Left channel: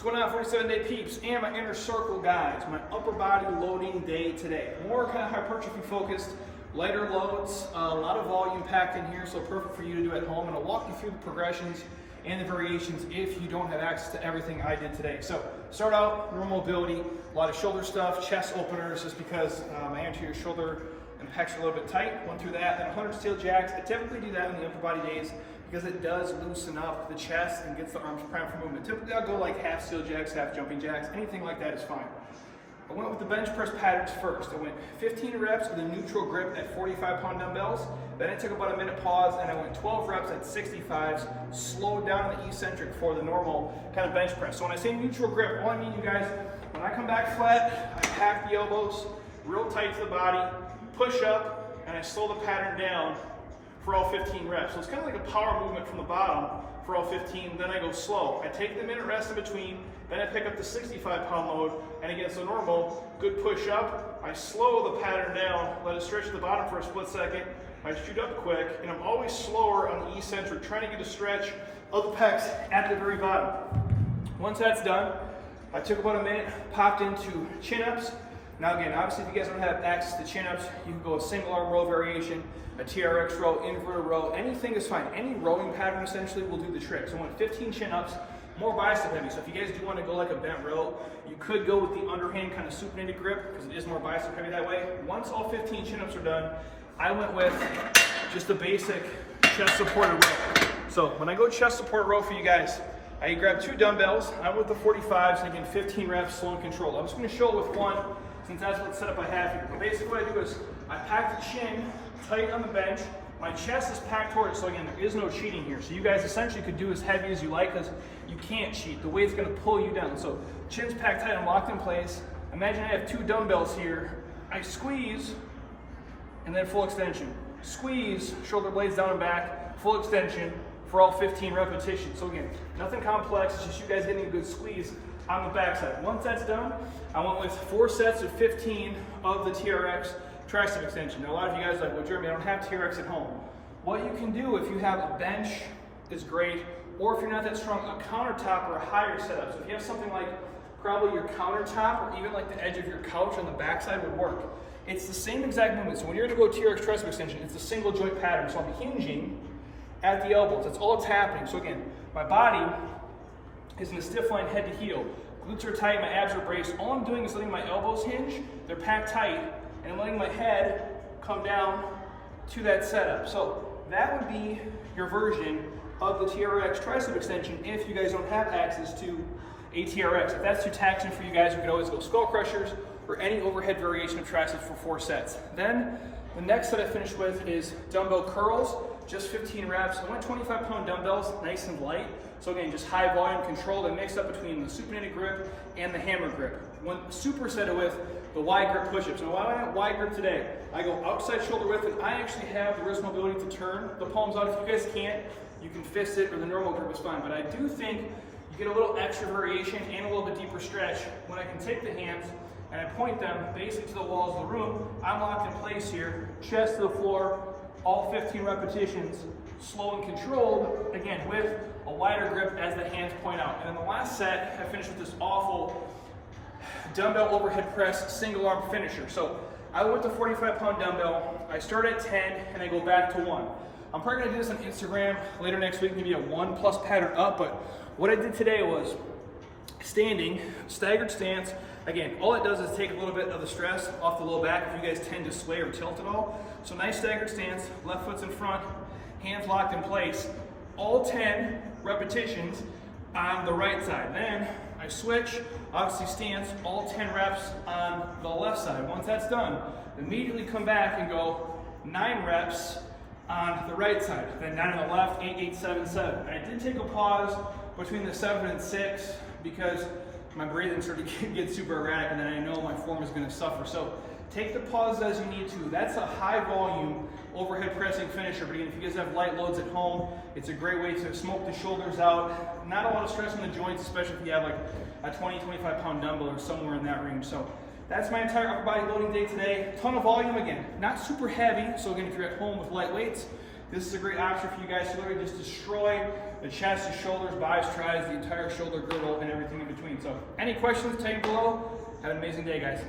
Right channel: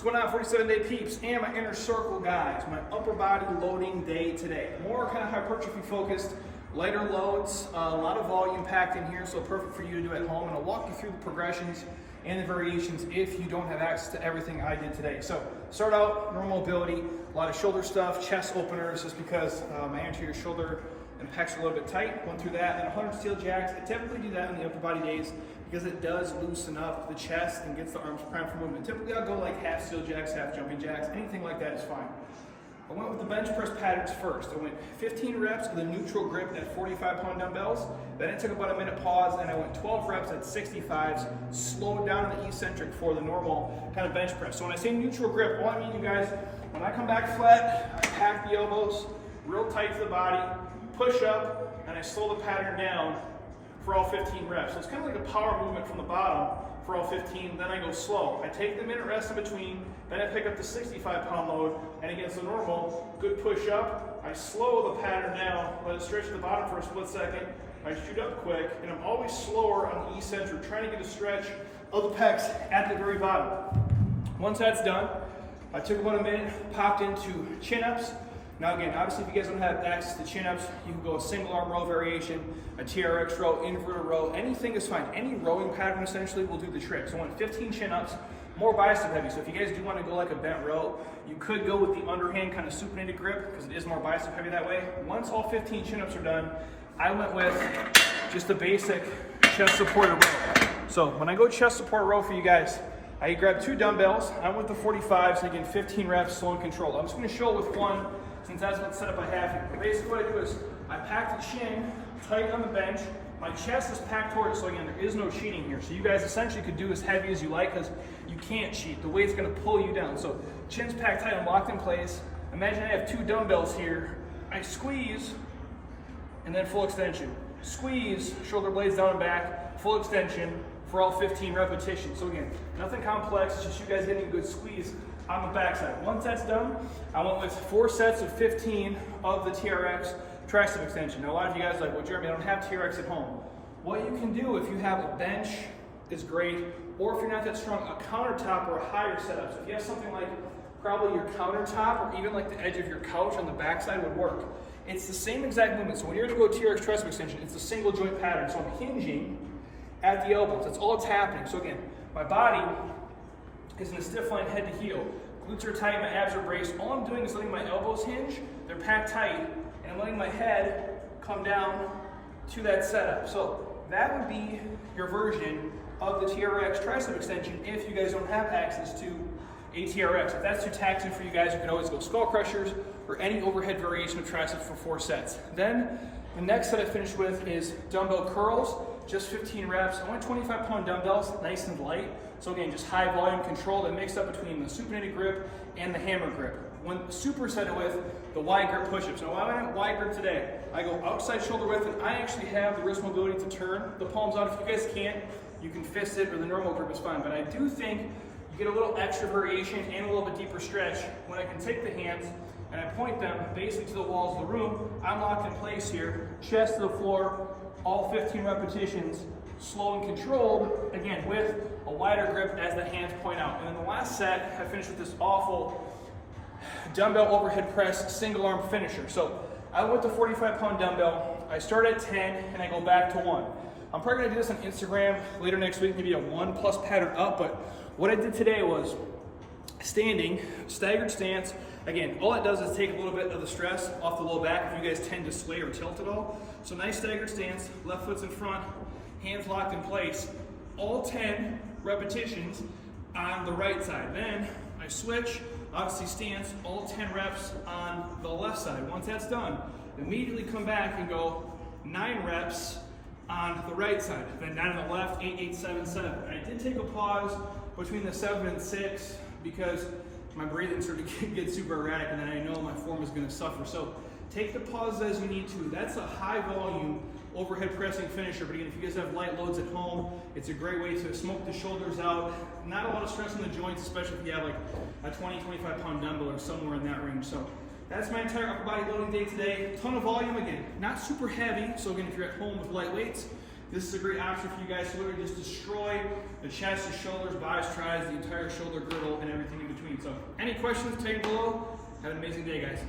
What's going on, 47-day peeps and my inner circle guys? My upper body loading day today. More kind of hypertrophy focused, lighter loads, a lot of volume packed in here, so perfect for you to do at home. And I'll walk you through the progressions and the variations if you don't have access to everything I did today. So start out, normal mobility, a lot of shoulder stuff, chest openers, just because my anterior shoulder and pecs are a little bit tight. Went through that, then 100 steel jacks. I typically do that on the upper body days because it does loosen up the chest and gets the arms primed for movement. Typically I'll go like half steel jacks, half jumping jacks, anything like that is fine. I went with the bench press patterns first. I went 15 reps with a neutral grip at 45-pound dumbbells. Then I took about a minute pause and I went 12 reps at 65s, slowed down on the eccentric for the normal kind of bench press. So when I say neutral grip, all I mean, you guys, when I come back flat, I pack the elbows real tight to the body, push up, and I slow the pattern down for all 15 reps. So it's kind of like a power movement from the bottom for all 15, then I go slow. I take the minute rest in between, then I pick up the 65-pound load, and against the normal, good push up, I slow the pattern down, let it stretch to the bottom for a split second, I shoot up quick, and I'm always slower on the eccentric, trying to get a stretch of the pecs at the very bottom. Once that's done, I took about a minute, popped into chin-ups. Now again, obviously if you guys don't have access to chin-ups, you can go a single arm row variation, a TRX row, inverted row, anything is fine. Any rowing pattern essentially will do the trick. So I went 15 chin-ups, more bicep heavy. So if you guys do want to go like a bent row, you could go with the underhand kind of supinated grip because it is more bicep heavy that way. Once all 15 chin-ups are done, I went with just a basic chest supported row. So when I go chest supported row for you guys, I grab 2 dumbbells. I went with the 45s, so again 15 reps, slow and controlled. I'm just going to show it with one, since that's what setup I have here. But basically what I do is I pack the chin tight on the bench. My chest is packed towards it, so again, there is no cheating here. So you guys essentially could do as heavy as you like because you can't cheat. The weight's gonna pull you down. So chin's packed tight, I'm locked in place. Imagine I have 2 dumbbells here. I squeeze, and then full extension. Squeeze, shoulder blades down and back, full extension for all 15 repetitions. So again, nothing complex, it's just you guys getting a good squeeze on the backside. Once that's done, I went with 4 sets of 15 of the TRX Tricep Extension. Now a lot of you guys are like, well Jeremy, I don't have TRX at home. What you can do if you have a bench is great, or if you're not that strong, a countertop or a higher setup. So if you have something like probably your countertop or even like the edge of your couch on the backside would work. It's the same exact movement. So when you're gonna go TRX Tricep Extension, it's a single joint pattern. So I'm hinging at the elbows. That's all that's happening. So again, my body is in a stiff line head to heel. Glutes are tight, my abs are braced. All I'm doing is letting my elbows hinge, they're packed tight, and I'm letting my head come down to that setup. So that would be your version of the TRX Tricep Extension if you guys don't have access to a TRX. If that's too taxing for you guys, you can always go skull crushers or any overhead variation of triceps for 4 sets. Then the next set I finished with is dumbbell curls, just 15 reps. I went 25-pound dumbbells, nice and light. So again, just high volume control that mixed up between the supinated grip and the hammer grip. When superset it with the wide grip push-ups. Now why I went wide grip today, I go outside shoulder width and I actually have the wrist mobility to turn the palms out. If you guys can't, you can fist it or the normal grip is fine. But I do think you get a little extra variation and a little bit deeper stretch when I can take the hands and I point them basically to the walls of the room. I'm locked in place here, chest to the floor, all 15 repetitions, slow and controlled, again, with a wider grip as the hands point out. And then the last set, I finished with this awful dumbbell overhead press single arm finisher. So I went to 45-pound dumbbell, I start at 10, and I go back to 1. I'm probably gonna do this on Instagram later next week, maybe a 1+ pattern up, but what I did today was standing, staggered stance. Again, all it does is take a little bit of the stress off the low back if you guys tend to sway or tilt at all. So nice staggered stance, left foot's in front, hands locked in place, all 10 repetitions on the right side. Then I switch, obviously stance, all 10 reps on the left side. Once that's done, immediately come back and go 9 reps on the right side. Then 9 on the left, 8, 8, 7, 7. And I did take a pause between the 7 and 6 because my breathing started to get super erratic and then I know my form is gonna suffer. So take the pauses as you need to. That's a high volume overhead pressing finisher. But again, if you guys have light loads at home, it's a great way to smoke the shoulders out. Not a lot of stress on the joints, especially if you have like a 20, 25-pound dumbbell or somewhere in that range. So that's my entire upper body loading day today. Ton of volume, again, not super heavy. So again, if you're at home with light weights, This is a great option for you guys to literally just destroy the chest, the shoulders, biceps, tries, the entire shoulder girdle, and everything in between. So any questions, tag below. Have an amazing day, guys.